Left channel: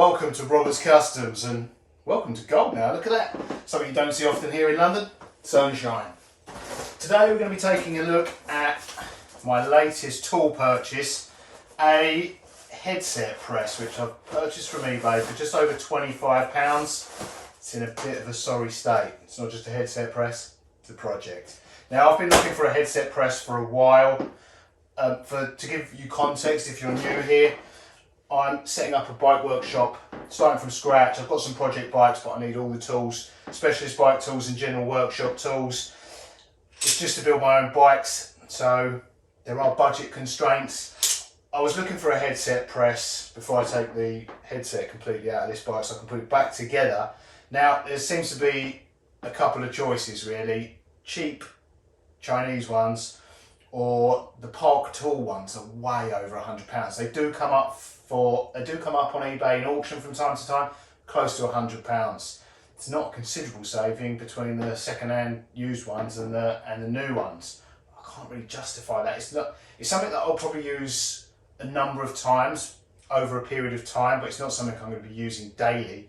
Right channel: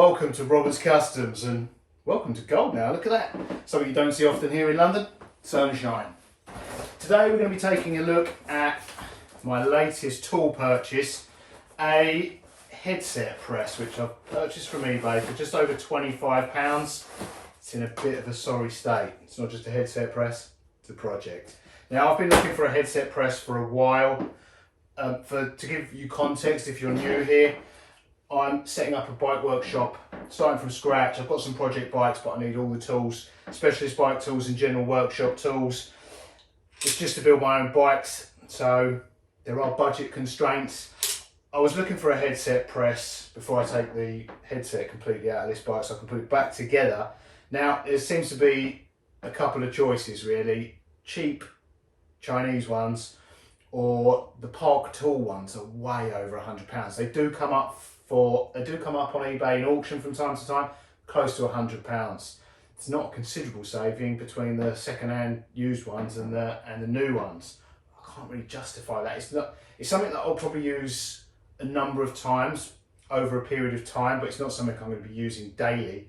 welcome to Roberts Customs and welcome to gold now. Look at that. Something you don't see often here in London, sunshine. Today we're going to be taking a look at my latest tool purchase, a headset press which I've purchased from eBay for just over £25. It's in a bit of a sorry state. It's not just a headset press, it's a project. Now I've been looking for a headset press for a while. To give you context, if you're new here, I'm setting up a bike workshop, starting from scratch. I've got some project bikes, but I need all the tools, specialist bike tools and general workshop tools. It's just to build my own bikes, so there are budget constraints. I was looking for a headset press before I take the headset completely out of this bike so I can put it back together. Now, there seems to be a couple of choices really. Cheap Chinese ones or the Park Tool ones are way over £100. They do come up on eBay in auction from time to time, close to £100. It's not a considerable saving between the second-hand used ones and the new ones. I can't really justify that. It's something that I'll probably use a number of times over a period of time, but it's not something I'm going to be using daily.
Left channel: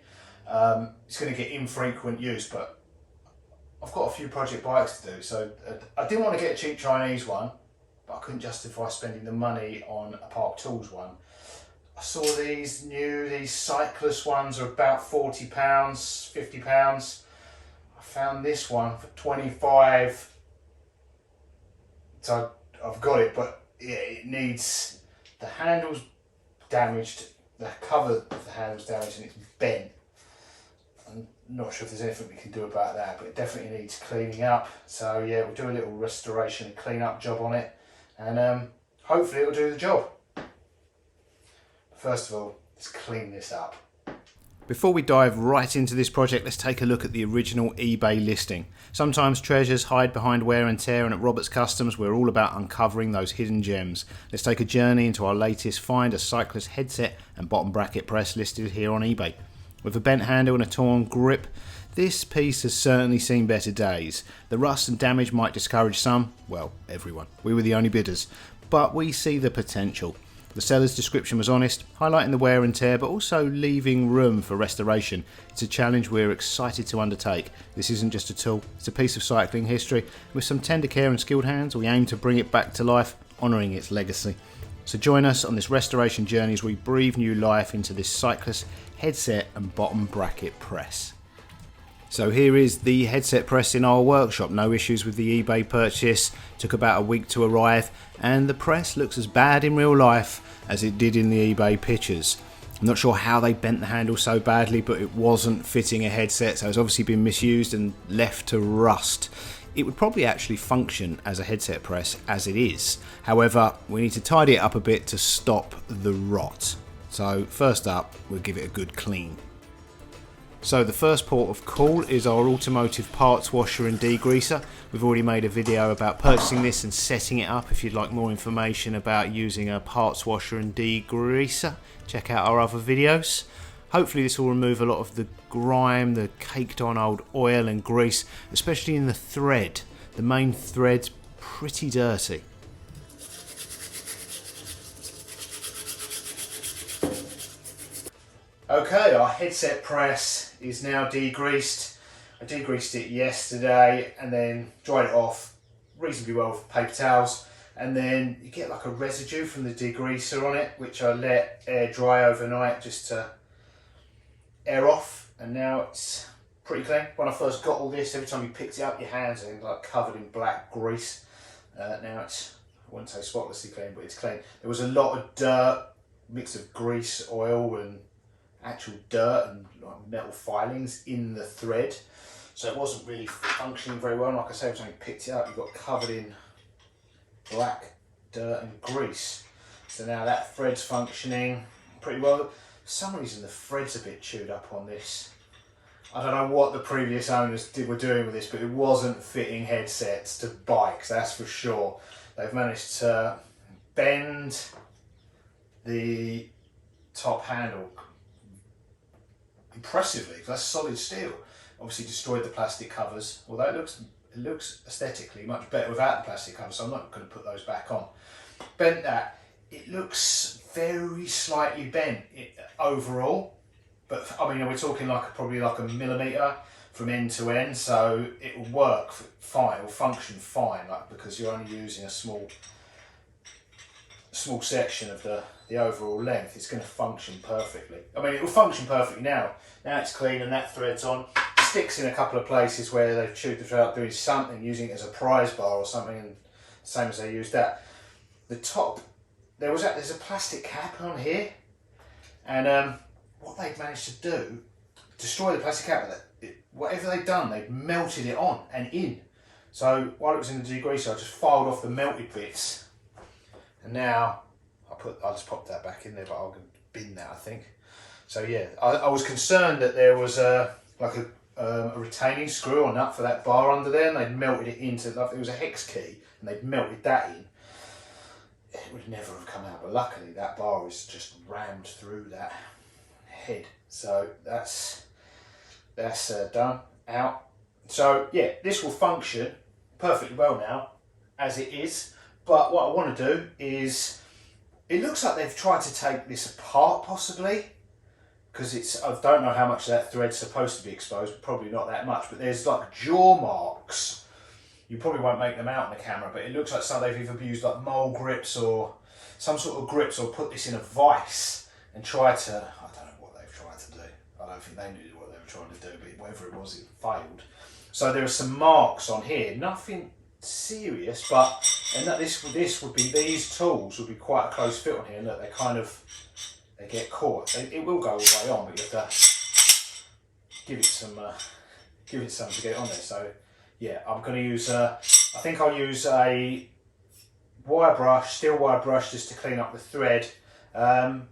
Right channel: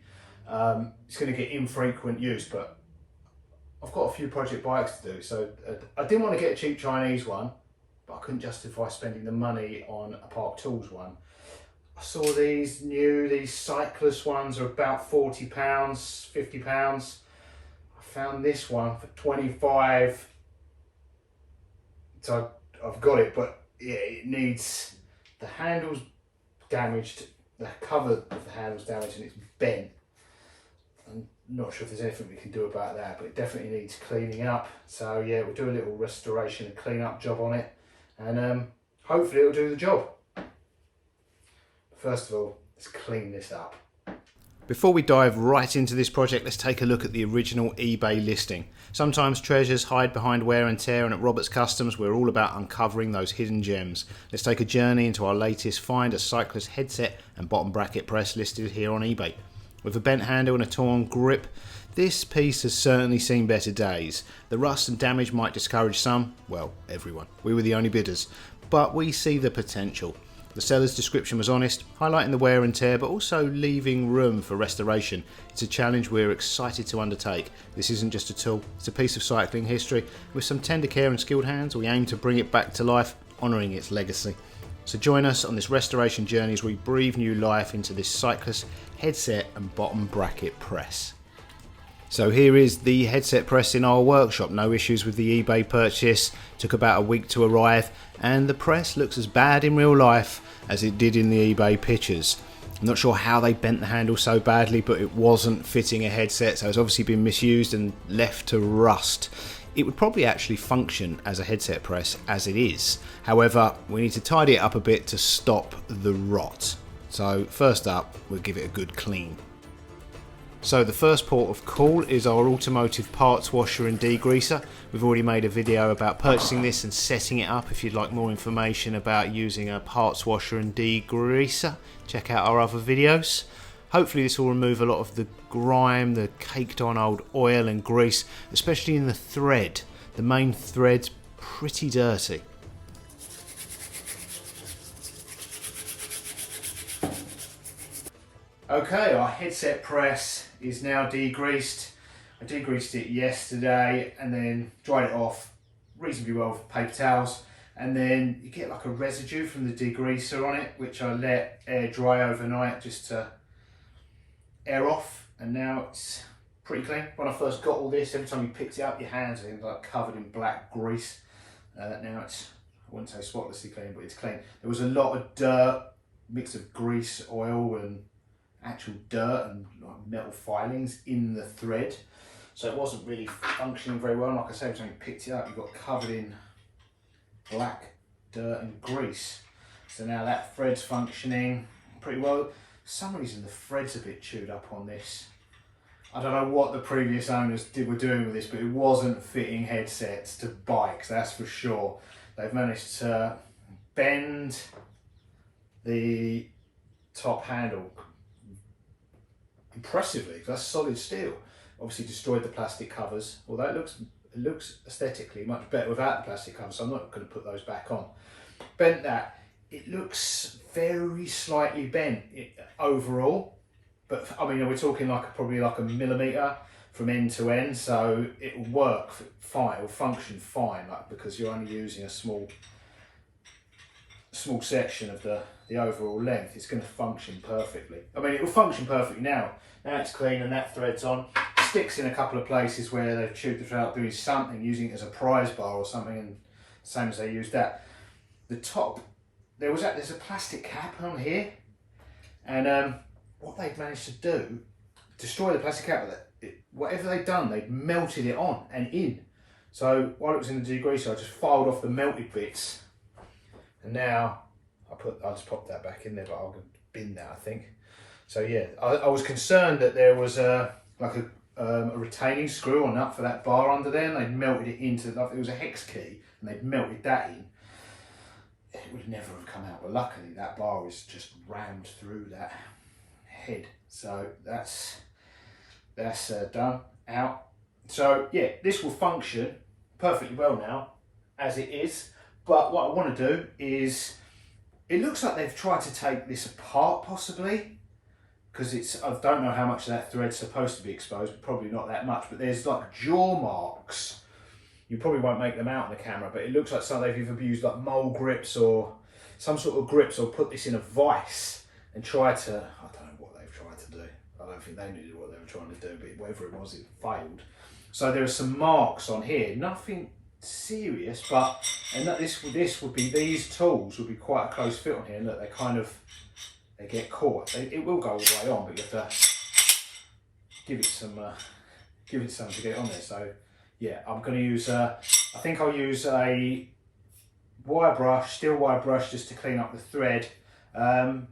It's going to get infrequent use, but I've got a few project bikes to do, so I didn't want to get a cheap Chinese one, but I couldn't justify spending the money on a Park Tools one. I saw these cyclist ones are about £40, £50. I found this one for 25. So I've got it, but yeah, it needs, the handle's damaged, the cover of the handle's damaged and it's bent. I'm not sure if there's anything we can do about that, but it definitely needs cleaning up. So yeah, we'll do a little restoration and clean up job on it, and hopefully it'll do the job. First of all, let's clean this up. Before we dive right into this project, let's take a look at the original eBay listing. Sometimes treasures hide behind wear and tear, and at Roberts Customs we're all about uncovering those hidden gems. Let's take a journey into our latest find, a cyclist headset and bottom bracket press listed here on eBay. With a bent handle and a torn grip, this piece has certainly seen better days. The rust and damage might discourage some, well, everyone. We were the only bidders, but we see the potential. The seller's description was honest, highlighting the wear and tear, but also leaving room for restoration. It's a challenge we're excited to undertake. This isn't just a tool, it's a piece of cycling history. With some tender care and skilled hands, we aim to bring it back to life, honouring its legacy. So join us on this restoration journey as we breathe new life into this cyclist headset and bottom bracket press. So here is the headset press in our workshop. No issues with the eBay purchase, took about a week to arrive, and the press looks as bad in real life as it did in the eBay pictures. I'm not sure how they bent the handle so badly, but it wasn't fitting a headset, so it's obviously been misused and left to rust. It would probably actually function as a headset press as it is. However, we need to tidy it up a bit to stop the rot. So first up, we'll give it a good clean. So the first port of call is our automotive parts washer and degreaser. We've already made a video about purchasing this and setting it up. If you'd like more information about using a parts washer and degreaser, check out our other videos. Hopefully this will remove a lot of the grime, the caked on old oil and grease, especially in the thread. The main thread's pretty dirty. Okay, our headset press is now degreased. I degreased it yesterday and then dried it off reasonably well with paper towels. And then you get like a residue from the degreaser on it, which I let air dry overnight just to air off, and now it's pretty clean. When I first got all this, every time you picked it up, your hands are like covered in black grease. Now it's, I wouldn't say spotlessly clean, but it's clean. There was a lot of dirt, mix of grease, oil and actual dirt and like metal filings in the thread, so it wasn't really functioning very well. And like I said, every time you picked it up, you got covered in black dirt and grease. So now that thread's functioning pretty well. For some reason the thread's a bit chewed up on this. I don't know what the previous owners were doing with this, but it wasn't fitting headsets to bikes, that's for sure. They've managed to bend the top handle impressively, because that's solid steel. Obviously destroyed the plastic covers, although it looks aesthetically much better without the plastic covers, so I'm not going to put those back on. Bent that. It looks very slightly bent overall, but I mean, we're talking like probably like a millimetre from end to end, so it will work fine, it will function fine, like, because you're only using a small section of the overall length. It's going to function perfectly. I mean, it will function perfectly now. Now it's clean and that thread's on. It sticks in a couple of places where they've chewed the thread up doing something, using it as a prise bar or something, and same as they used that. The top, there's a plastic cap on here, and what they've managed to do, destroy the plastic cap, whatever they've done, they've melted it on and in. So while it was in the degreaser, I just filed off the melted bits, and now I'll just pop that back in there, but I'll bin that, I think. So yeah, I was concerned that there was like a retaining screw or nut for that bar under there, and they'd melted it into, it was a hex key, and they'd melted that in. It would never have come out, but luckily that bar is just rammed through that head. So that's done, out. So yeah, this will function perfectly well now as it is, but what I want to do is, it looks like they've tried to take this apart possibly, because I don't know how much of that thread's supposed to be exposed, probably not that much, but there's like jaw marks. You probably won't make them out in the camera, but it looks like they've either used like mole grips or some sort of grips, or put this in a vise and tried to, I don't know what they've tried to do. I don't think they knew what they were trying to do, but whatever it was, it failed. So there are some marks on here, nothing serious, but, and that these tools would be quite a close fit on here, and look, they get caught. It will go all the way on, but you have to give it some to get it on there. So yeah, I'm going to use, I think I'll use a wire brush, steel wire brush, just to clean up the thread. But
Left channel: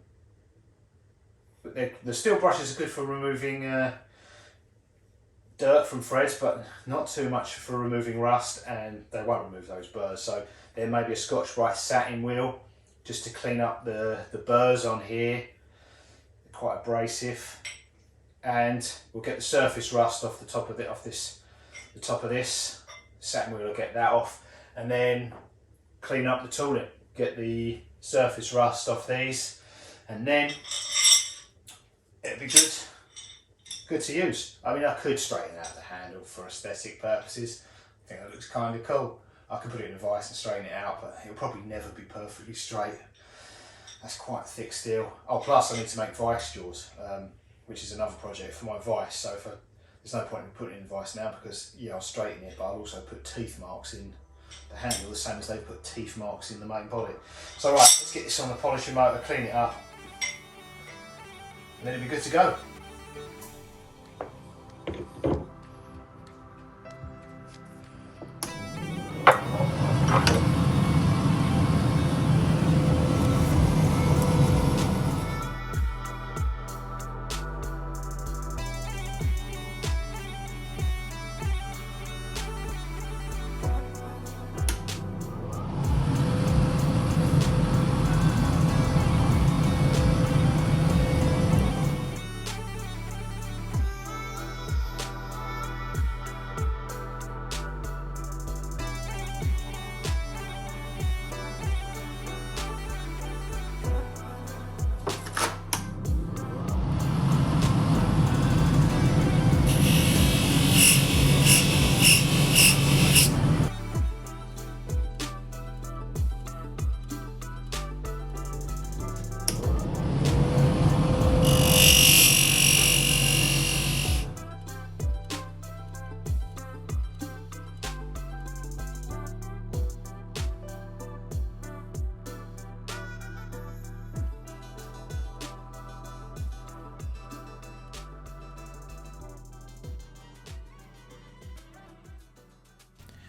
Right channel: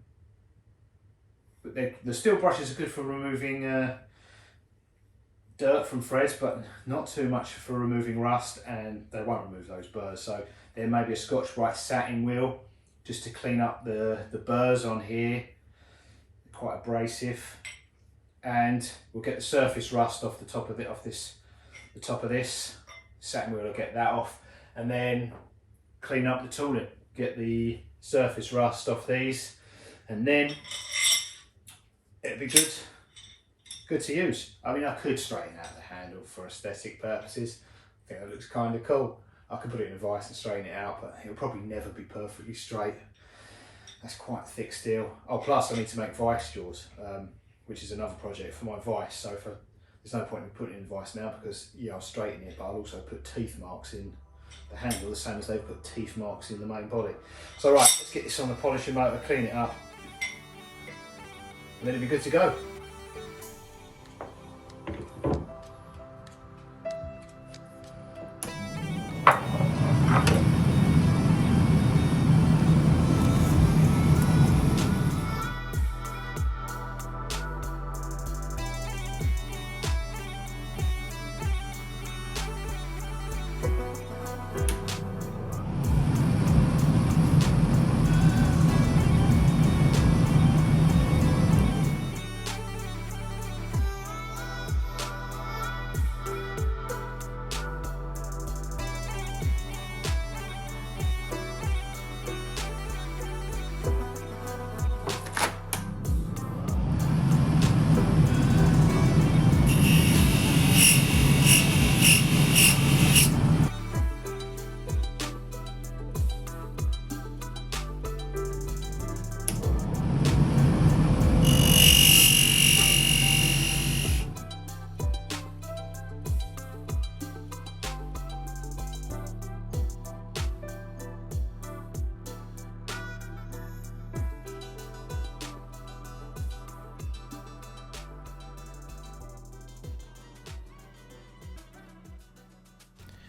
the steel brushes are good for removing dirt from threads, but not too much for removing rust, and they won't remove those burrs. So there may be a Scotch-Brite satin wheel just to clean up the burrs on here. They're quite abrasive, and we'll get the surface rust off the top of it, the top of this satin wheel will get that off, and then clean up the tooling, get the surface rust off these, and then it'd be good to use. I mean, I could straighten out the handle for aesthetic purposes. I think it looks kind of cool. I could put it in a vise and straighten it out, but it'll probably never be perfectly straight. That's quite thick steel. Oh, plus I need to make vice jaws, which is another project for my vice. So there's no point in putting it in vice now, because yeah, I'll straighten it, but I'll also put teeth marks in the handle, the same as they put teeth marks in the main body. So right, let's get this on the polishing motor, clean it up, and then it'll be good to go.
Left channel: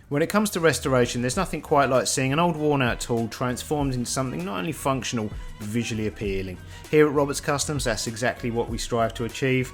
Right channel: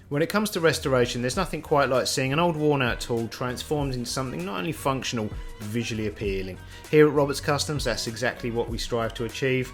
When it comes to restoration, there's nothing quite like seeing an old worn out tool transformed into something not only functional, but visually appealing. Here at Roberts Customs, that's exactly what we strive to achieve.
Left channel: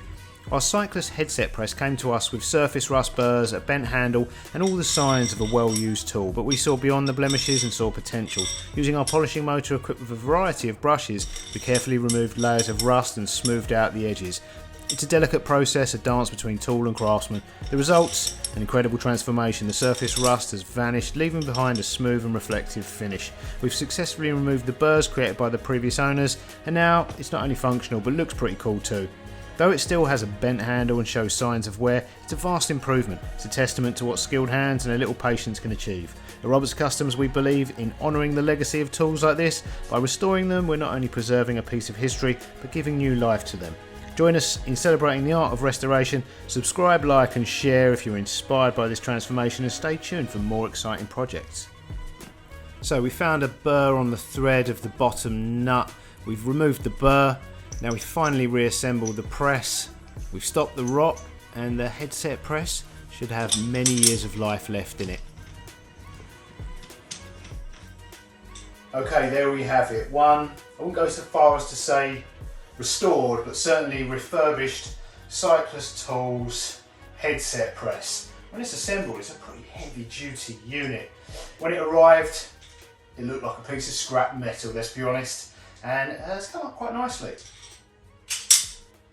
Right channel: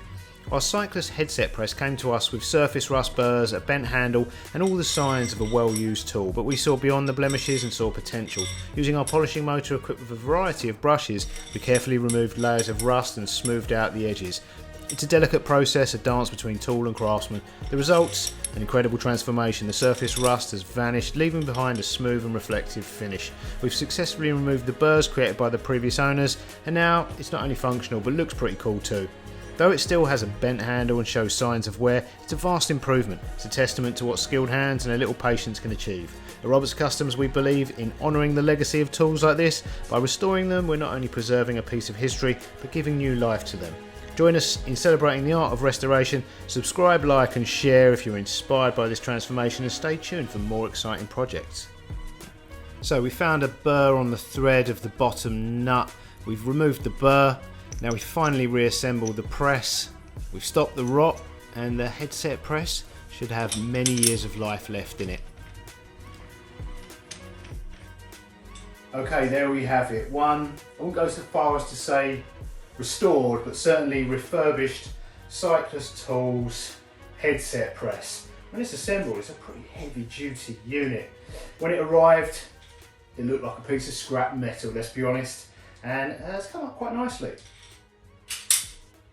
Our cyclist headset press came to us with surface rust burrs, a bent handle and all the signs of a well-used tool, but we saw beyond the blemishes and saw potential. Using our polishing motor equipped with a variety of brushes, we carefully removed layers of rust and smoothed out the edges. It's a delicate process, a dance between tool and craftsman. The results? An incredible transformation. The surface rust has vanished, leaving behind a smooth and reflective finish. We've successfully removed the burrs created by the previous owners, and now it's not only functional but looks pretty cool too. Though it still has a bent handle and shows signs of wear, it's a vast improvement. It's a testament to what skilled hands and a little patience can achieve. At Roberts Customs we believe in honouring the legacy of tools like this. By restoring them we're not only preserving a piece of history but giving new life to them. Join us in celebrating the art of restoration. Subscribe, like and share if you're inspired by this transformation, and stay tuned for more exciting projects. So we found a burr on the thread of the bottom nut. We've removed the burr. Now we finally reassembled the press. We've stopped the rot, and the headset press should have many years of life left in it. Okay, there we have it. One, I won't go so far as to say restored, but certainly refurbished Cyclist Tools headset press. When it's assembled, it's a pretty heavy duty unit. When it arrived, it looked like a piece of scrap metal, let's be honest, and it's come up quite nicely.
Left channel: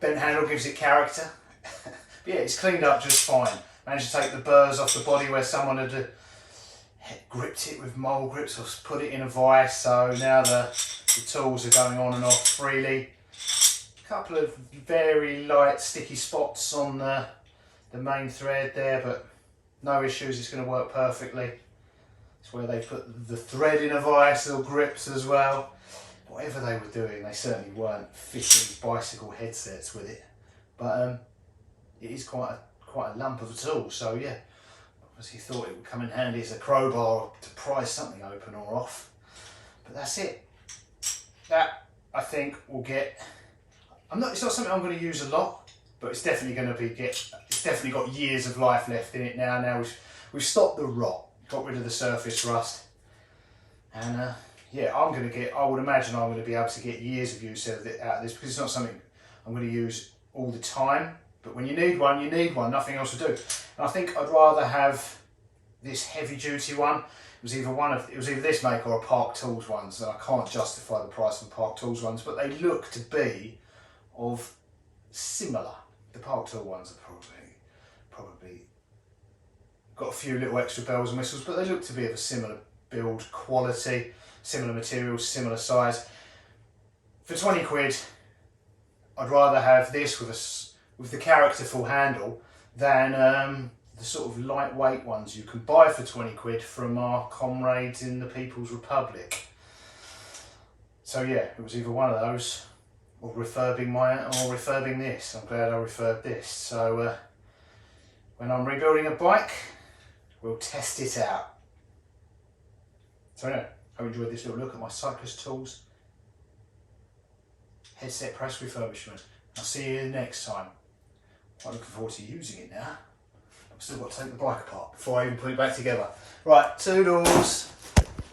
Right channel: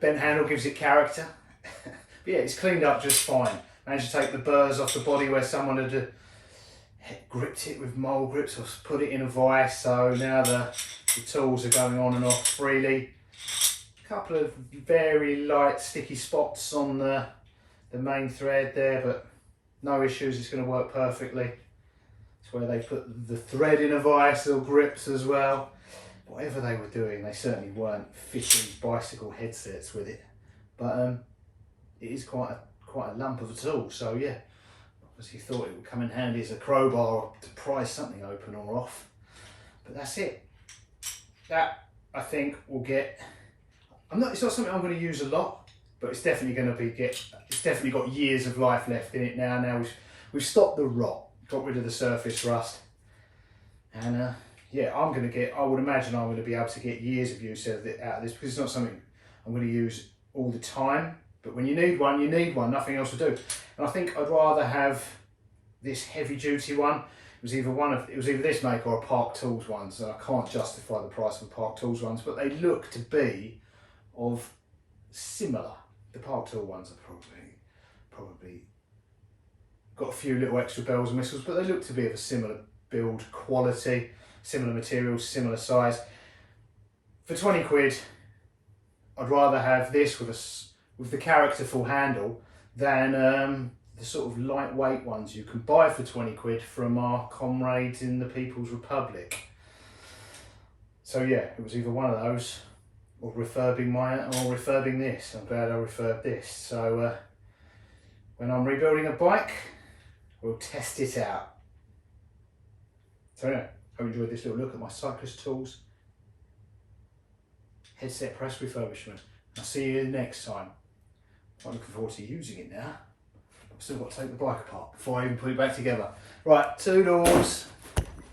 Bent handle gives it character. But yeah, it's cleaned up just fine. Managed to take the burrs off the body where someone had gripped it with mole grips or put it in a vise, so now the tools are going on and off freely. A couple of very light sticky spots on the main thread there, but no issues, it's going to work perfectly. It's where they put the thread in a vise or grips as well. Whatever they were doing, they certainly weren't fitting bicycle headsets with it. But it is quite a lump of a tool, so yeah. Obviously thought it would come in handy as a crowbar to prise something open or off. But that's it. That, I think, will get... it's not something I'm going to use a lot, but it's definitely going to it's definitely got years of life left in it now. Now we've stopped the rot, got rid of the surface rust, and yeah, I would imagine I'm going to be able to get years of use out of this, because it's not something I'm going to use all the time. But when you need one, you need one. Nothing else will do. And I think I'd rather have this heavy duty one. It was either this make or a Park Tools ones, and I can't justify the price of the Park Tools ones, but they look to be of similar. The Park Tool ones are probably got a few little extra bells and whistles, but they look to be of a similar build quality, similar materials, similar size. For 20 quid, I'd rather have this with the characterful handle than the sort of lightweight ones you can buy for 20 quid from our comrades in the People's Republic. So yeah, it was either one of those, or refurbing this. I'm glad I refurbed this. So when I'm rebuilding a bike, we'll test it out. So anyway, I hope you enjoyed this little look at my Cyclist Tools headset press refurbishment. I'll see you next time. I'm looking forward to using it now. I've still got to take the bike apart before I even put it back together. Right, toodles.